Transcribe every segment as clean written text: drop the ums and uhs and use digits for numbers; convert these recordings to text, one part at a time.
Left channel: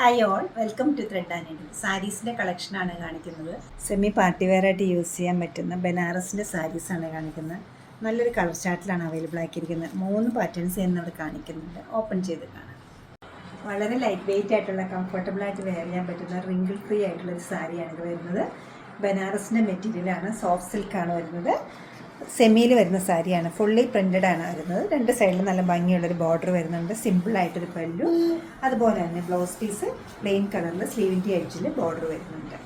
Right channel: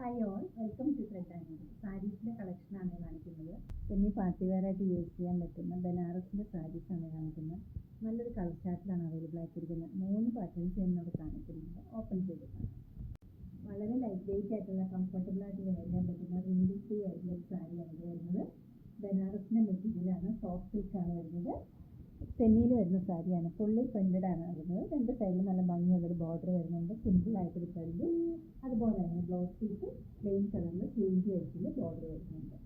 Hi all, welcome to thread and needle. സാരീസിൻ്റെ കളക്ഷനാണ് കാണിക്കുന്നത്. സെമി പാർട്ടി വെയർ ആയിട്ട് യൂസ് ചെയ്യാൻ പറ്റുന്ന ബനാറസിൻ്റെ സാരീസാണ് കാണിക്കുന്നത്. നല്ലൊരു കളർ ചാർട്ടിലാണ് അവൈലബിൾ ആക്കിയിരിക്കുന്നത്. 3 പാറ്റേൺസ് എന്നവിടെ കാണിക്കുന്നുണ്ട്. ഓപ്പൺ ചെയ്ത് കാണാം. വളരെ ലൈറ്റ് വെയിറ്റ് ആയിട്ടുള്ള കംഫർട്ടബിളായിട്ട് വെയർ ചെയ്യാൻ പറ്റുന്ന റിങ്കിൾ ഫ്രീ ആയിട്ടുള്ളൊരു സാരിയാണ് ഇത് വരുന്നത്. ബനാറസിൻ്റെ മെറ്റീരിയലാണ്, സോഫ്റ്റ് സിൽക്കാണ് വരുന്നത്. സെമിയിൽ വരുന്ന സാരിയാണ്, ഫുള്ളി പ്രിൻറ്റഡ് ആണ് വരുന്നത്. 2 സൈഡിലും നല്ല ഭംഗിയുള്ളൊരു ബോർഡർ വരുന്നുണ്ട്, സിമ്പിളായിട്ടൊരു പല്ലു. അതുപോലെ തന്നെ ബ്ലൗസ് പീസ് പ്ലെയിൻ കളറിൽ സ്ലീവിൻ്റെ എഡ്ജിൽ ബോർഡർ വരുന്നുണ്ട്.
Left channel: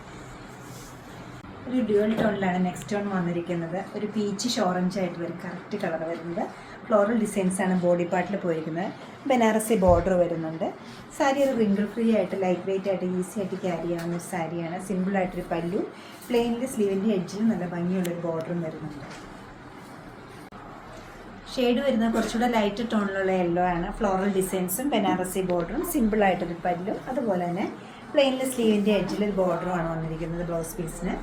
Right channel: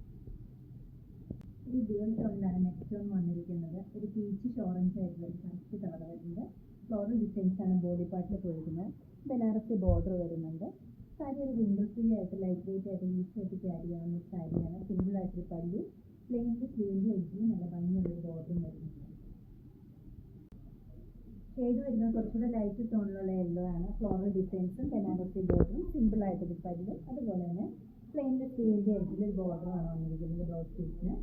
ഒരു ഡ്യുവൽ ടോണിലാണ് നെക്സ്റ്റ് ടോൺ വന്നിരിക്കുന്നത്. ഒരു പീച്ചിഷ് ഓറഞ്ച് ആയിട്ട് വരും കറക്റ്റ് കളർ വരുന്നത്. ഫ്ലോറൽ ഡിസൈൻസാണ് ബോഡി പാർട്ടിൽ പോയിരിക്കുന്നത്. ബനാറസി ബോർഡർ വരുന്നുണ്ട്. സാരി ഒരു റിങ്കിൾ ഫ്രീ ആയിട്ട് ലൈറ്റ് വെയിറ്റ് ആയിട്ട് ഈസി ആയിട്ട് ക്യാരി ചെയ്യാവുന്ന ഒരു സാരിയാണ്. സിമ്പിളായിട്ടൊരു പല്ലു, പ്ലെയിനിൽ സ്ലീവിൻ്റെ എഡ്ജിൽ നല്ല ഭംഗിയുള്ളൊരു ബോർഡറും വരുന്നുണ്ട്. ഷെയ്ഡ് വരുന്നത് കുറച്ചുകൂടെ ലൈറ്റ് ടോണിലുള്ള യെല്ലോ ആണ്. ഫ്ലോറൽ ഡിസൈൻസും ബനാറസി ബോർഡറും സിമ്പിളായിട്ടൊരു പല്ലും, അതുപോലെ തന്നെ പ്ലെയിനിൽ സ്ലീവിൻ്റെ എഡ്ജിൽ ഒരു ബോർഡറുമാണ് വന്നിരിക്കുന്നത് ബ്ലൗസ് പീസിന്.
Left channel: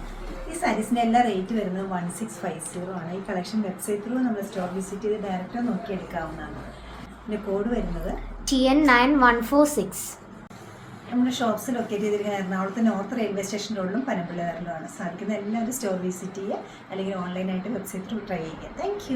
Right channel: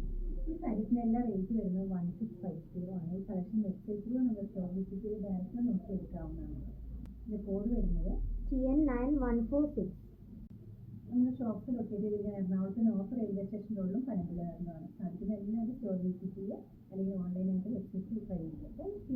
ഈ സാരീസിൻ്റെ എല്ലാ റേറ്റ് വരുന്നത് 1650 ആണ്. ഈ കളക്ഷൻ വെബ്സൈറ്റ് ത്രൂ നമ്മൾ സ്റ്റോർ വിസിറ്റ് ചെയ്ത് ഡയറക്റ്റ് നോക്കിയെടുക്കാവുന്നതാണ്. ഇതിൻ്റെ കോഡ് വരുന്നത് TN9146. നമ്മുടെ ഷോപ്സ് ലൊക്കേറ്റ് ചെയ്തിരിക്കുന്ന എറണാകുളത്ത് നോർത്ത് റെയിൽവേ സ്റ്റേഷൻ്റെ ഉള്ളിലും പനമ്പള്ളി റോഡിലുമാണ്. സാധിക്കുന്ന എല്ലാവരും സ്റ്റോർ വിസിറ്റ് ചെയ്യുക, അല്ലെങ്കിൽ ഓൺലൈനായിട്ട് വെബ്സൈറ്റ് ത്രൂ ട്രൈ ചെയ്യുക. താങ്ക്